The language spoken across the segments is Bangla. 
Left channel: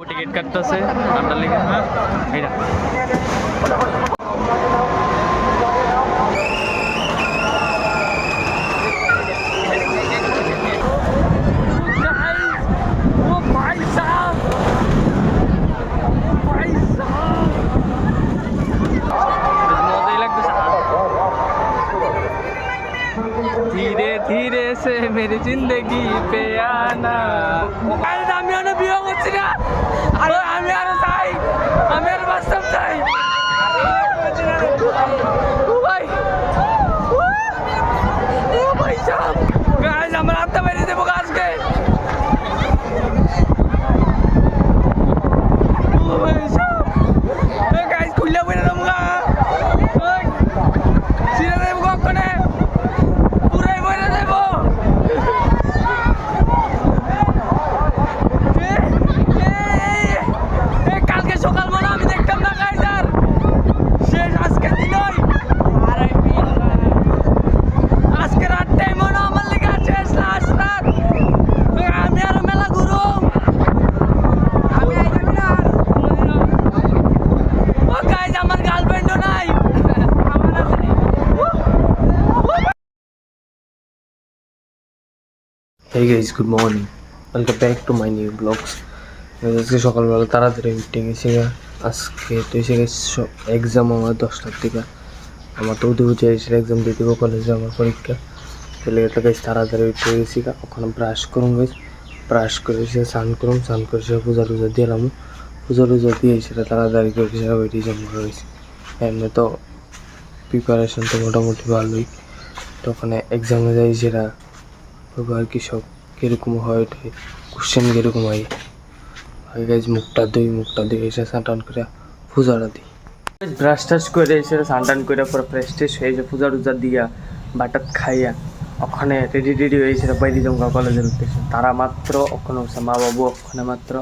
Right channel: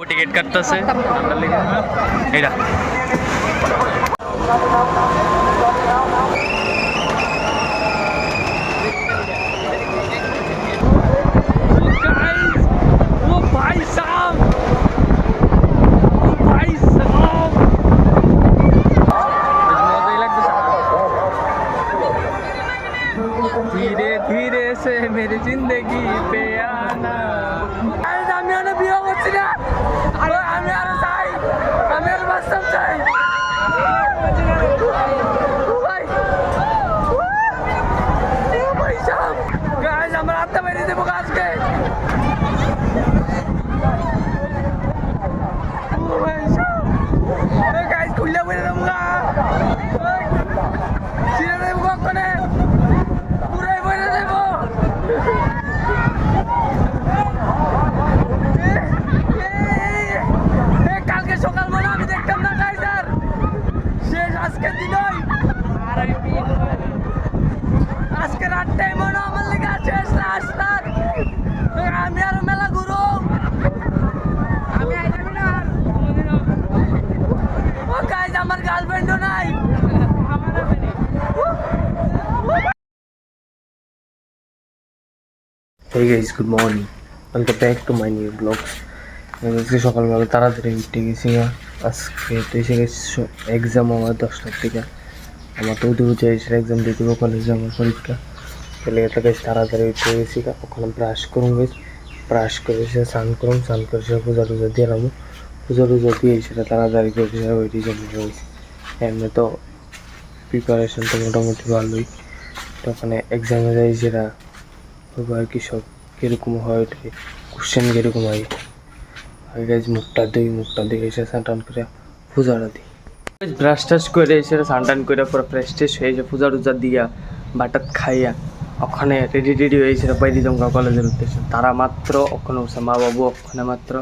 টিকিট কাটতেছে ঠান্ডার লেগে এইটা धीरे धीरे से मेरी जिंदगी पे आना আমি আর বিয়ে করছি না আমি আর চাই আমি আর বাস্তব চাই ভাই ও ভাই সাহেব গাইস আমরা আত্মা বেরিয়ে দেবো আজকে ও ভাই সাহেব গাইস খুললে বেরিয়ে দেবো গা ছিঁড়ে দেবো কখনে পুরাই বেরিয়ে দেবো কালকে সকাল মনে আমি দেখতাম না গাইস আর শেষ আজকে দিনই আজকে রাতটাই মনে আমার লেগে শেষ লাস্ট রাত আমি আর মেলা ঘুরুম ও গাইস আমার গার্লফ্রেন্ডও নাই Hey guys, good morning. Welcome back to my new vlogs. আজকে সকালবেলা তাড়াতাড়ি উঠে গেছি আজকে তো এসে গেছি এক্সাম আমার 10টার দিকে আমার তো উঠে এসে এক্সাম দিয়ে দেবো কলেজে আমার পরীক্ষা চলে গেছে গেছি তাড়াতাড়ি উঠে গেছি ওখানে ব্রাশ করুন গেছি ব্রাশ করে এসে স্নান করুন স্নান করে সে পূজা টুজা দিলাম পূজা টুজা দিয়ে সেটা তাড়াতাড়ি করে সে ওইটি জমা রয়েছে এমনি তো প্রিপারেশন তো মোটামুটি ভালোই তো ওখানে এক্সামে যাই সেটা আর কি সব কীরকম হয় ওইটাই কোশ্চেন কীরকম হয় মুখটা দিয়ে এসে স্নান করে পূজাটা দিই ব্রাশ টাশ করে এসে স্নান করে পুরো ফ্রেশ ট্রেশ হয়ে এসে পূজা টুজা দিয়া বাটাত খাইয়া ওখানে রেডি হয়েছে বাইরে জমকা কলেজের উদ্দেশ্যে তারা মাত্র ওখানে উঠছে মা বাবু ওখানে মাত্র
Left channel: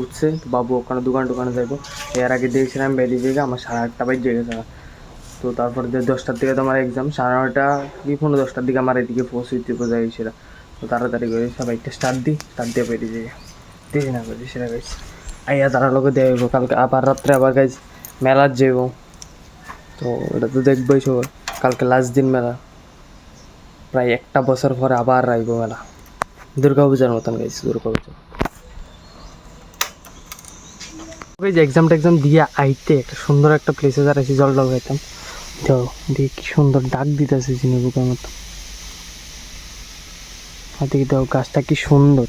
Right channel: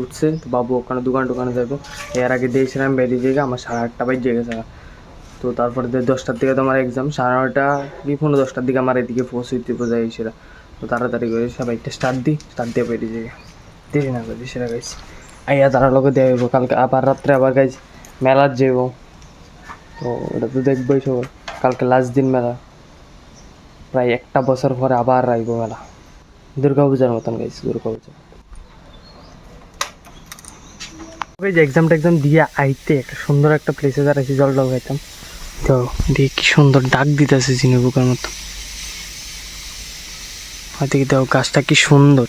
উঠছে তো বাবু ওখানে দোকানে যাইবো এর আগে দিয়েছিলাম বেরিয়ে দিয়ে আমার 8:30 বাজে গেছে তো তারপরে 10টার দিকে তো আমার এক্সাম 9:30 কি 10:15 দিকে আমার এদিকে পৌঁছতে বোঝা গেছিল তো তাড়াতাড়ি করে সবাইটা স্টার্ট দিয়ে বেরিয়ে যাই দিদি না করে সেটা গাইছি আইয়া তারা লোকে দেব কালকে আবার রাত্রে আবার গাইজ মেলার যাইব তো ওটা তো দেখবোই সবাই কালকে লাস্ট দিন মেলা প্রায় 1 বছর পরে আবার আইব মেলা দুর্গাপূজার মতন গাইছি দুর্গাপূজা এক্সাম দিয়ে আইতে একটা সুন্দর একটা প্লেসে দাঁড়াইছি জল খাইতাম তো দেখি কি সুন্দর ডাক দিতেছে ঝিনুকের মতো হয়তো কি দেখো গাছটা কি সুন্দর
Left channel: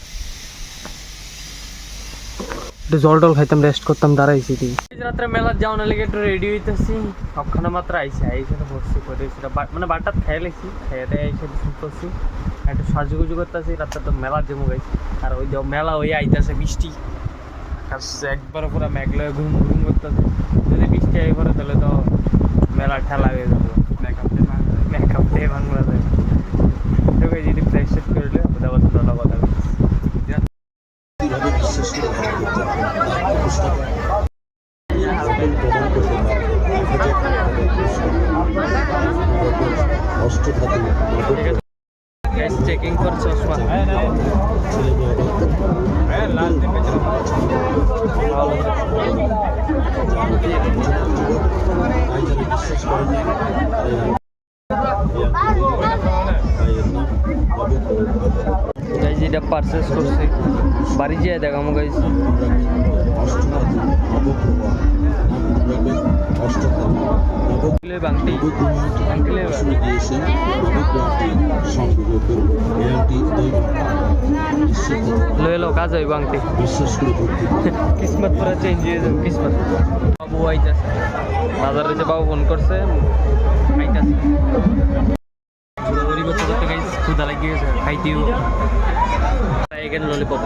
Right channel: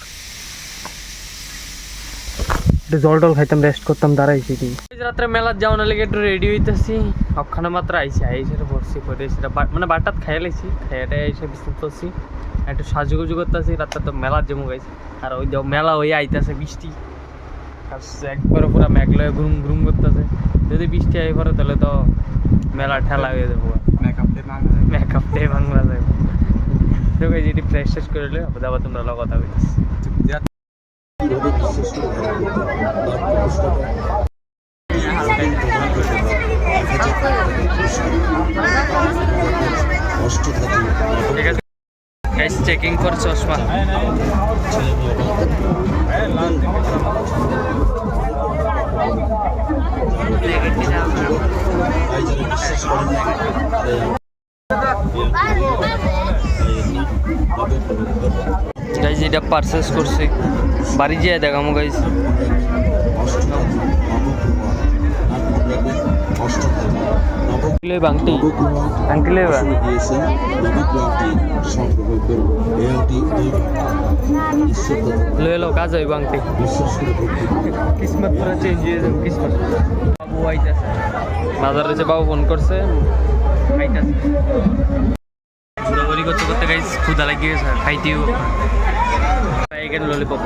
একটু জল খাইতাম রেস্ট করতাম দাঁড়াইছি কি রাত্রে মেলার যাওয়ার লেগে একটু রেডি হইতেছি ওখানে মাত্র আইসি বসছি করে মানে বাটাত খাইয়ে লাইছি খাইয়াটা এসে করছি একটু সাজুগুজু করতেছি রাত্রে তো মেলার জমু গাইছি আর ওই মেলা ওই আইতেছে বৃষ্টি একবারে পুরো মেঘলা ঘুম ঘুম করতেছে যদি বৃষ্টি আই পরে তাহলে তো মেলা ঠেলা হয়ে যাবো মেকআপ দিয়ে ভাঙা যায় যদি ফ্রেশ শেষ করলে আবার তোমরা কথা বলছি ঠিক আছে গাইস চেকিং ফর চশমা গাইজ এটা পারচেস করছি বাড়ি যেয়ে দেখামো গাইজ বাংটি আঙ্কেল লয়ে লো কাজ হইব আংটি কিসমত পুরা চেঞ্জ হয়ে যাবে কিসমত বাবু আইতাছে বাজারে যে বাবু ফোন করছে আইতাছে ঘোরাঘুরি করতে করতে গাইজ ক্ষুধা লাগিয়ে গেছে খাইতেও এখানে ললিপপ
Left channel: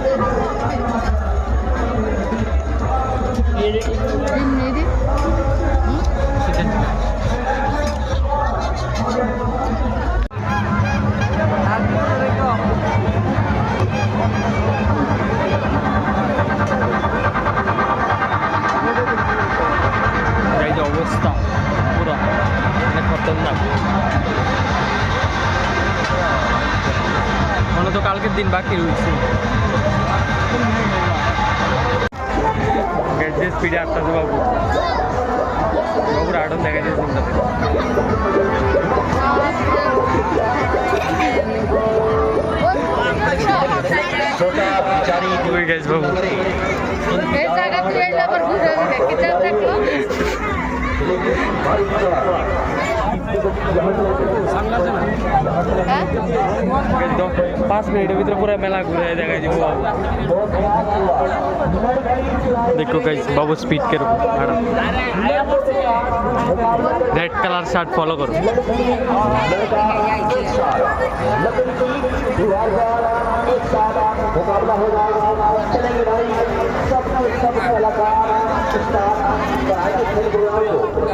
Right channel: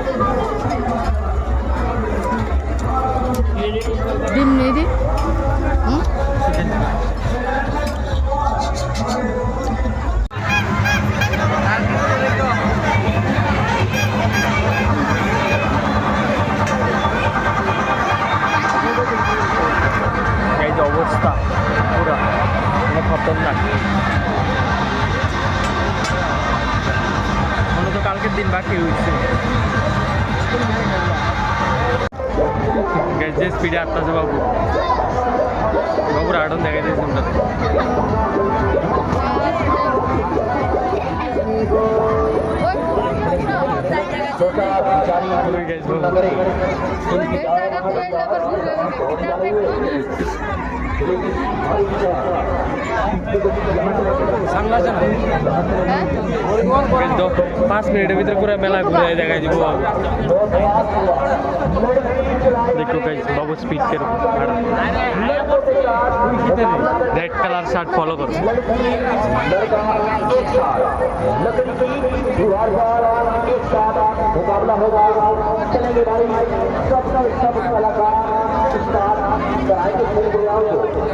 অবস্থা পুরা মানে খতরনাক মনে তো কালকের দিন বাকি রয়েছে যে স্পিডে আসতেছে বাবু, বাবুর আড়ন দেখা যায় তোমরাতে। ওই গাইস বাবু তো 5 মিনিটের ভিতরে পুরো মেলা ঘুরে দেখাই দিব বাবু। देखो गाइस बाबू स्पीड के रेड कलर शर्ट फॉलो करो।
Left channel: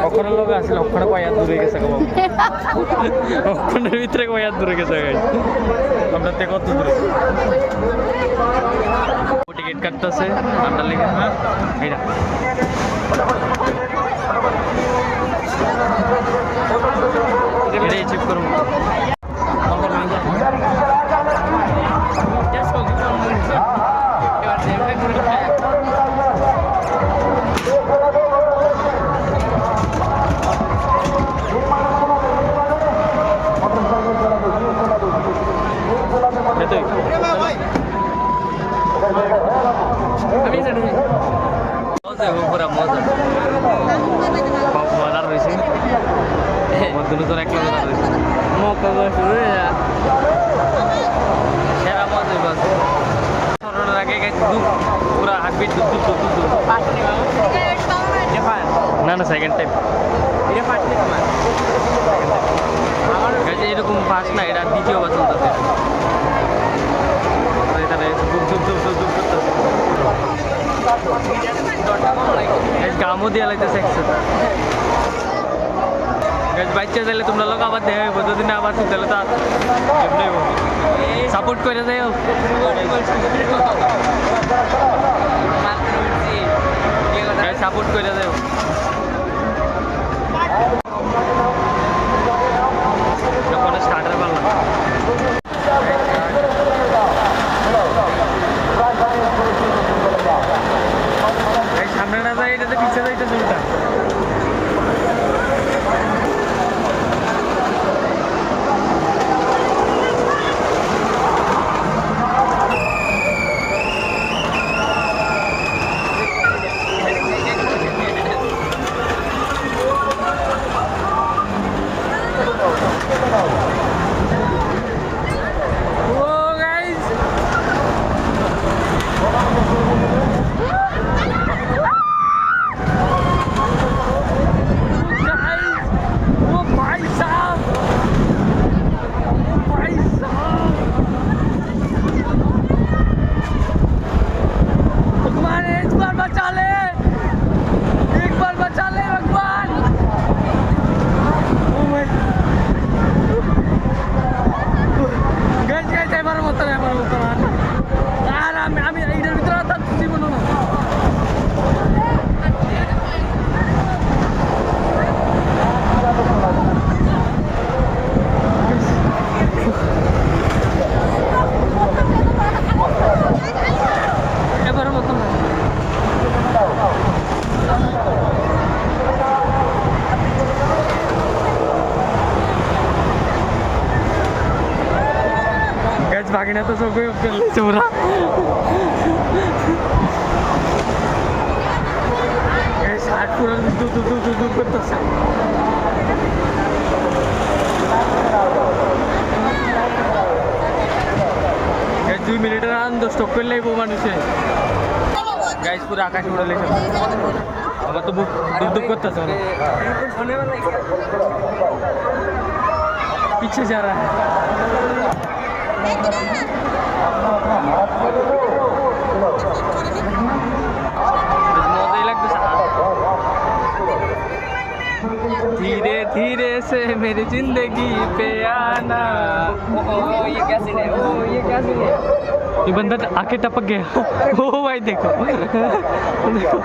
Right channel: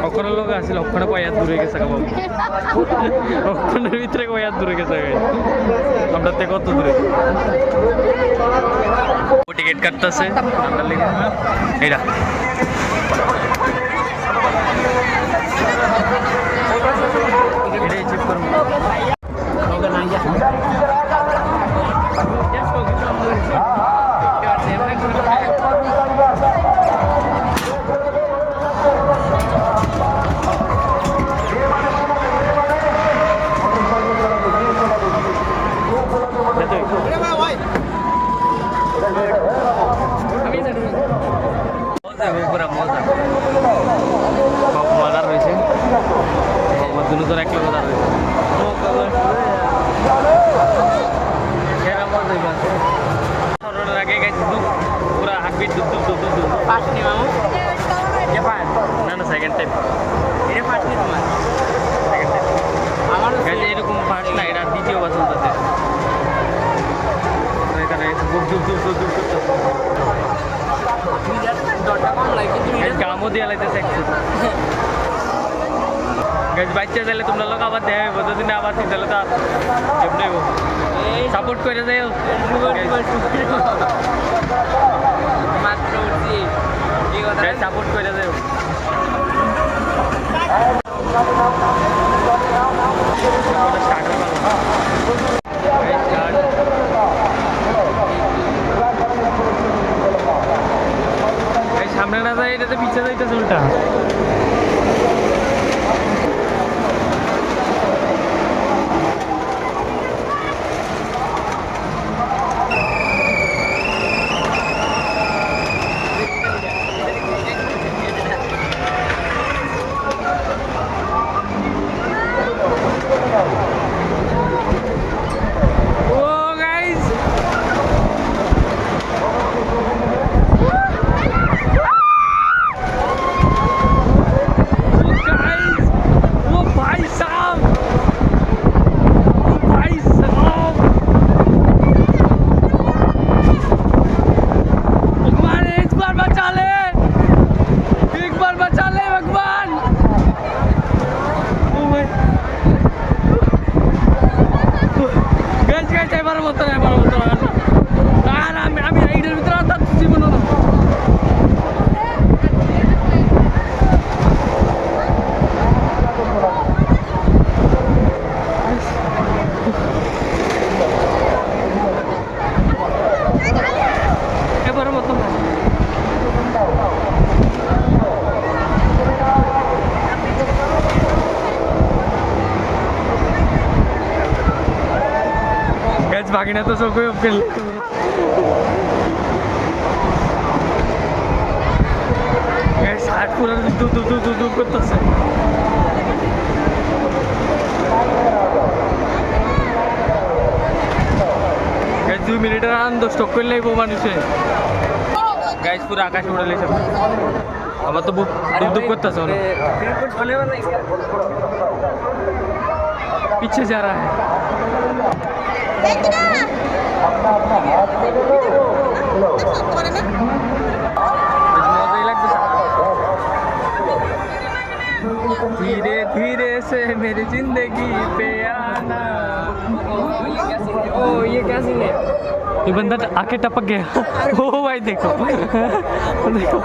ওখানে লোক আসলে ওখানে কয়াত দূরে গেছে বাবু, ওখানের ভিতরে কয়াত দূরে গেছে গাইস, আমরা তে কত দূরে টিকিট কাটতেছে আমরা লিখে এইটা এটাই চিপ করব। মজার রয়েছে দুটো তোর এক লোক রয়েছে সেরা মজা সরানোর আগে গেছে দুপ পুরা হাঁটবিট দুপ দুপ দুপ দুপ না না সেকেন্ড টাইম এটা ফার্স্ট নেই তোমার সেকেন্ড টাইম আমার কাছে এরকম ফার্স্ট না, এটা দ্বিতীয়বার চলতেছে। এখানে বুক দুপ দুপ দুপ দুপ করতেছে, গামও দিয়ে লাইতেছে একসাথে। বাচ্চা দিলে তোমরা লোক আবার দেখাবো, যদি না আবার তাহলে তো সাপোর্ট করে দেয়, সাপোর্ট করে দেয়। যখন স্টার্টার পারলাম স্টার্ট এই সামনে না যায়, এটাতে পিছিয়ে যাইতেছে ওইটা। এবার মতো আর আমি এইটার ভিতরে তার জীবন না। এবার মতো না গাছ ভাগিনা তো সব ফেললেছে পুরা। ষাট পুরা দুপ দুপ দুপ দুপ করতেছে। গাছ 2 মিনিটের আনন্দ স্টক করে লাগবো মানুষে। গাছ পুরো আকাশে উড়ে লেছে, আবার তো বুক দুপ দুপ করতেছে। পিছে যা রা হ্যায় मजा ही लगता है। धीरे धीरे से मेरी जिंदगी पे आना। ये क्या सीन है? ये बंदा आके टपक गया। ओ भाई देखो देखो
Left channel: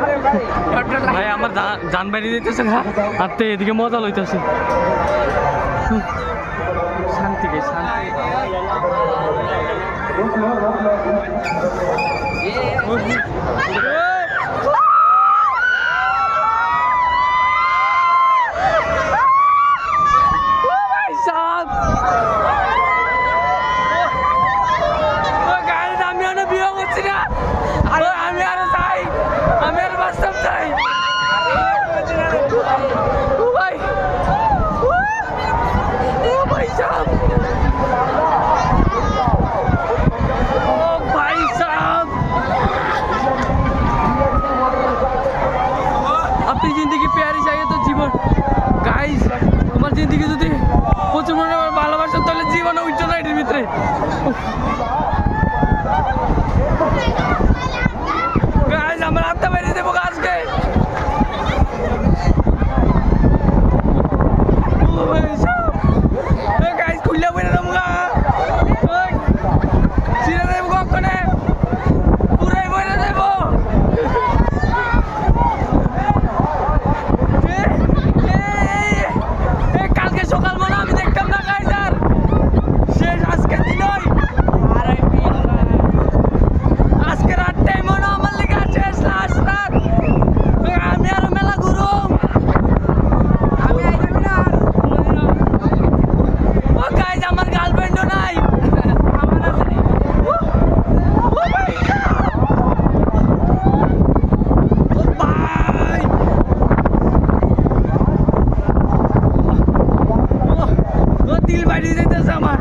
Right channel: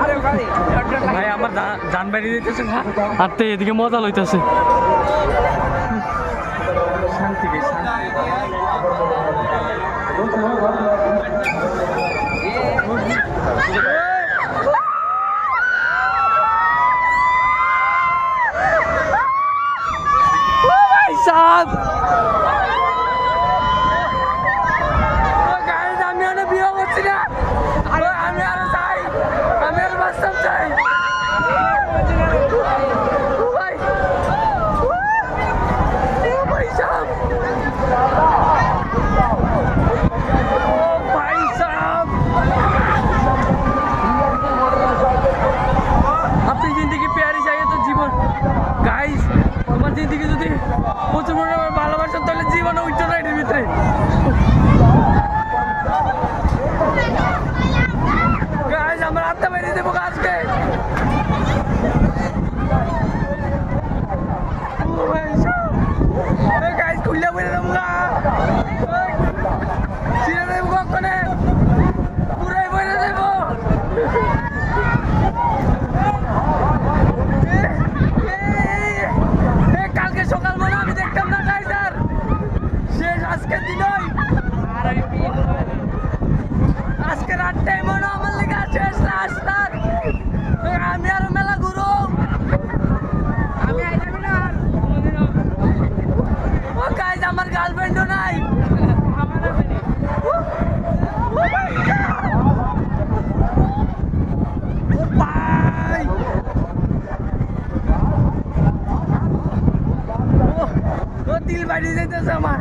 भाई আমার জান বাইরে দিতেছে না, আর তো এদিকে মজা লইতেছে। শান্তি গে শান্তি। বাস্তব চাই ও ভাই ও ভাই সাহেব ও ভাই সাহেব अपनी जिंदगी प्यारी चाहिए तो जीवन गाइस আমার জিন্দগি যদি প্রচুর পরিমাণে ভালোবাসা তাহলে জীবনে উঠছে না এটার ভিতরে গাইস আমার আত্মা বেরিয়ে দেবো আজকে গাইস খুললে বেরে দেবো ছিঁড়ে দেবো কখনে পুরাই বেরে দেবো কালকে সকাল মনে আমি দেখতাম না গাইস আর শেষ আজকের দিনই আজকে রাতটাই মনে আমার লেগে শেষ লাস্ট রাত আমি আরো মেলা ঘুরুম ও গাইস আমার গার্লফ্রেন্ডও নাই দিল বাড়িয়ে যেতেছে আমার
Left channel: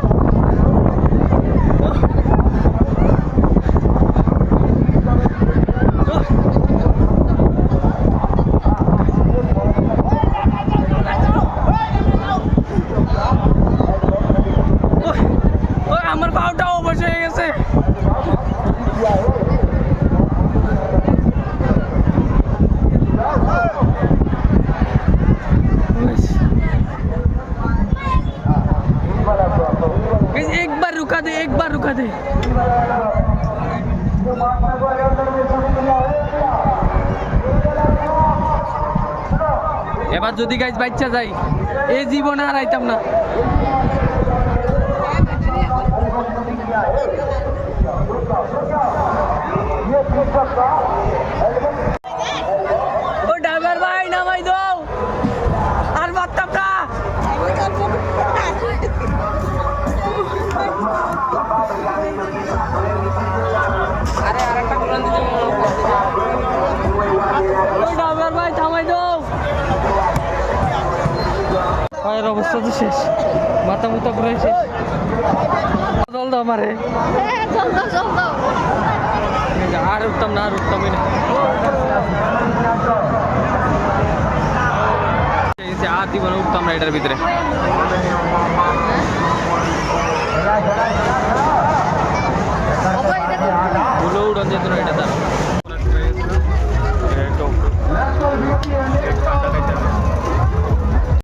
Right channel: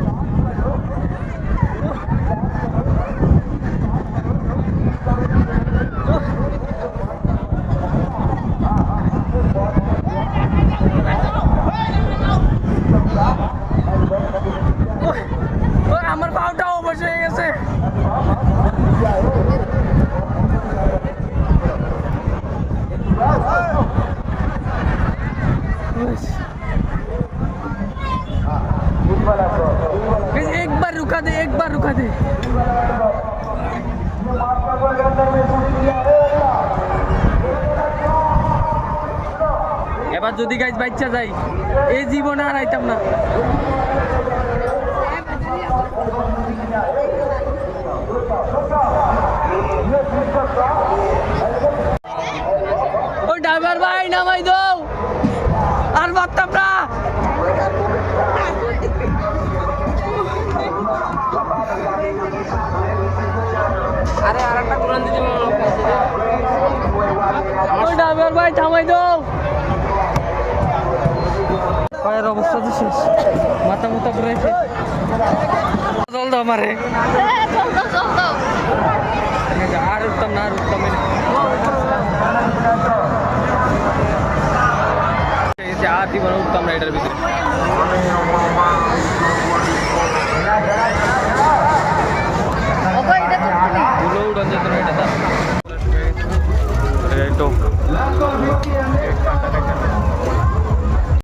আমার পাউটাও অবশ হয়ে গেছে एक बार रुका दे এবার যদি গাইজ বাচ্চা যাই এই জীবনে আর আইতাম না ও ড্রাইভার ভাই নামাই দাও আর বাড়তাম না ওই ড্রাইভার ভাই থামাই দাও পায়ের অবস্থা তো শেষ মাথা মুথা পুরো শেষ জল দাও আমারে আর উঠতাম না আর উঠতামই না আর জীবনে উঠতাম না এটার ভিতরে ভুলো উড়ন যেত না এটা তার